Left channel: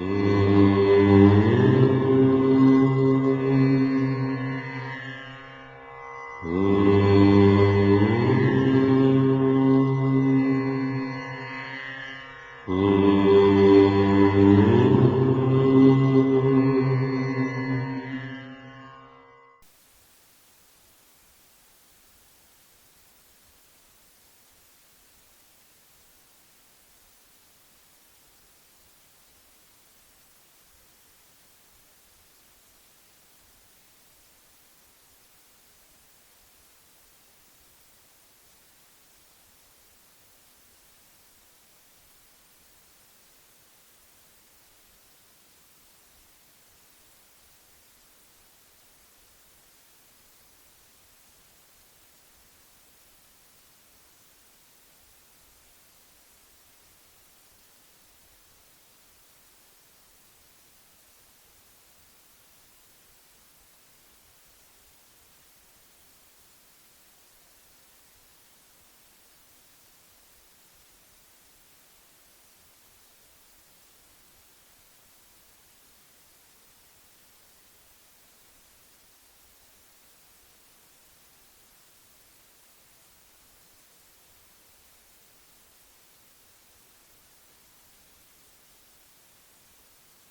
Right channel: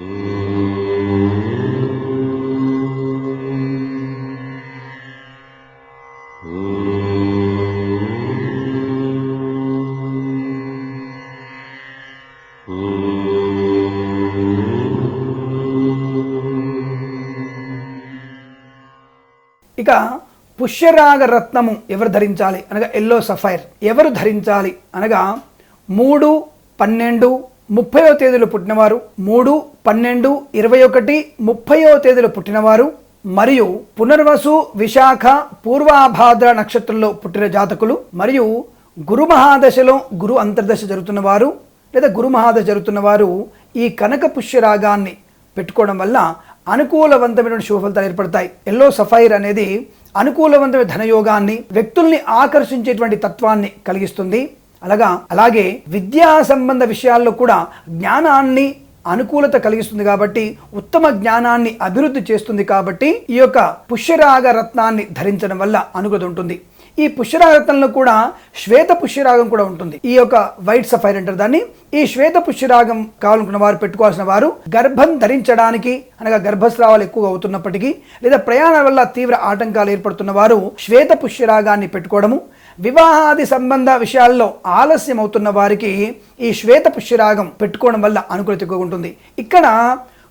ఇక పుష్యరాగ రత్నము ఎవరు ధరించాలి? అనగా ఎల్లో సఫైర్. ఎవరు ధరించాలి? అనగా మూడు పన్నెండు ముప్పయో తేదీలో పుట్టినవారు మూడు పన్నెండు ఇరవై ఒకటి ముప్పయో తేదీలో పుట్టినవారు మరియు పునర్వసు విశాఖ పూర్వాభాద్ర నక్షత్రంలో పుట్టిన జాతకులు మరియు గురు మహాదశలో గురు అంతర్దశ జరుగుతున్న వారు లేదా గురు మహాదశ జరుగుతున్న వారు ఈ కనక పుష్యరాగాన్ని పెట్టుకోవడం వల్ల అనుకూలవంతమైన శుభ ఫలితాలు ఏర్పడతాయి. ఎల్లో సఫైర్ అనేది అనుకూలవంతమైన ధనయోగాన్ని వ్యక్తుల్ని ఆకర్షించేటువంటి తత్వాన్ని కలిగిస్తుంది. అలాగా అలాగే విద్యా సంబంధ విషయాల్లో కూడా జ్ఞానాన్ని అనుకూలత కలిగిస్తుంది కాబట్టి ఉత్తమ జ్ఞానాన్ని అభివృద్ధి చేస్తుంది కాబట్టి ఈ యొక్క పుష్యరాగ రత్నాన్ని ధరించడం వల్ల అనుకూలత ఉంటుంది. ఈ పుష్యరాగతంలో కూడా శ్వేత పుష్యరాగం కూడా ఉంటుంది. ఈ యొక్క వైట్ సఫైర్ అంటారు దాన్ని. ఈ శ్వేత పుష్యరాగం కావాలనుకున్న వారు పెట్టుకోవాల్సిన వారు గర్భం ధరించడానికి అనగా గర్భస్రావాలు ఎక్కువ అవుతున్నప్పటికీ లేదా ప్రయాణాల వల్ల తీవ్ర ఆటంకాలు ఏర్పడుతున్న వారు శ్వేత పుష్యరాగాన్ని పెట్టుకోవడము వివాహాది సంబంధ విషయాల్లో ఆలస్యం అవుతున్న వారికి ఈ శ్వేత పుష్యరాగం పెట్టుకోవడం వల్ల అనుకూలత ఎక్కువగా ఉంటుంది. ఇక్కడ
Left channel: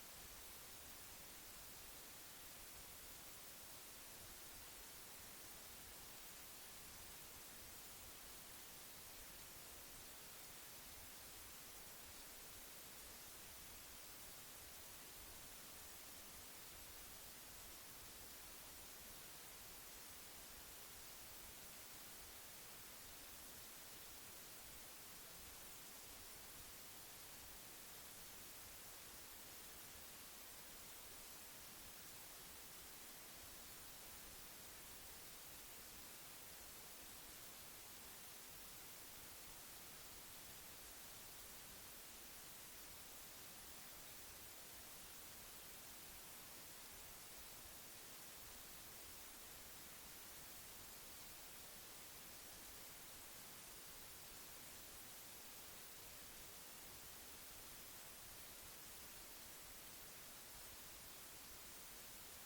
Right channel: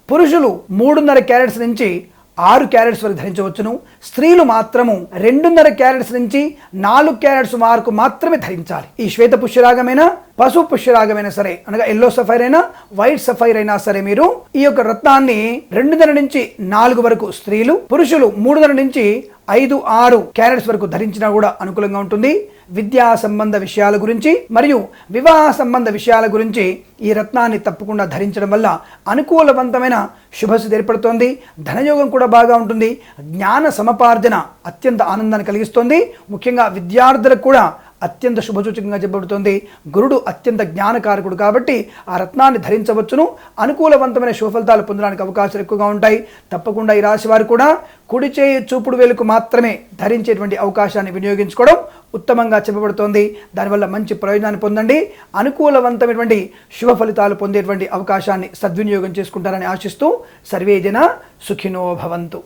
పురుషులు మూడున్నర క్యారెట్స్ నుంచి ఆరు క్యారెట్స్ వరకు ధరించవచ్చును. స్త్రీలు మాత్రము రెండున్నర క్యారెట్స్ నుంచి నాలుగు క్యారెట్స్ వరకు మాత్రమే ధరించాలి. ఈ శ్వేత పుష్యరాగమైనా పశు పుష్యరాగమైనా సరే అనగా ఎల్లో సఫైర్ అయినా వైట్ సఫైర్ అయినా సరే మీరు ఈ యొక్క రత్నాన్ని రెండున్నర నుంచి నాలుగు వరకు స్త్రీలు పురుషులు మూడున్నర నుంచి ఐదు ఆరు క్యారెట్స్ వరకు ధరించినా కూడా అనుకూలంగా ఉంటుంది. విద్యా సంబంధ విషయాల గురించి మరియు వివాహ సంబంధ విషయాల గురించి ఈ రత్నాన్ని తప్పకుండా ధరించడం వల్ల అనుకూలవంతమైన శుభస్థితి ఏర్పడుతోంది. ధనయోగం కూడా బాగా ఉంటుంది. జ్ఞాన సమపార్జన అత్యంత ఆనందాన్ని కలిగిస్తుంది. ముఖ్యంగా విద్యార్థులకు కూడా అత్యంత శుభసూచకంగా చెప్పబడుతుంది. గురుడు అత్యంత జ్ఞానకారకుడు కాబట్టి ఆ రత్నాన్ని ధరించవచ్చును. అనుకూలవంతమైన శుభఫలితాలు పొందడానికి అవకాశాలు ఎక్కువగా ఉంటాయి. తప్పకుండా ఈ రాశి వారు కూడా కుడి చేయి చూపుడు వేలుకు మాత్రమే ధరించేటువంటి అవకాశాన్ని వినియోగించుకోవడం ఉత్తమంగా చెప్పబడుతోంది. దానివల్ల మంచి ప్రయోజనాన్ని పొందండి. అనుకూలవంతమైనటువంటి శుభ ఫలితాలు పొందేటువంటి అవకాశాన్ని సద్వినియోగం చేసుకుంటారని ఆశిస్తూ సర్వేజన సుఖినో భవంతు.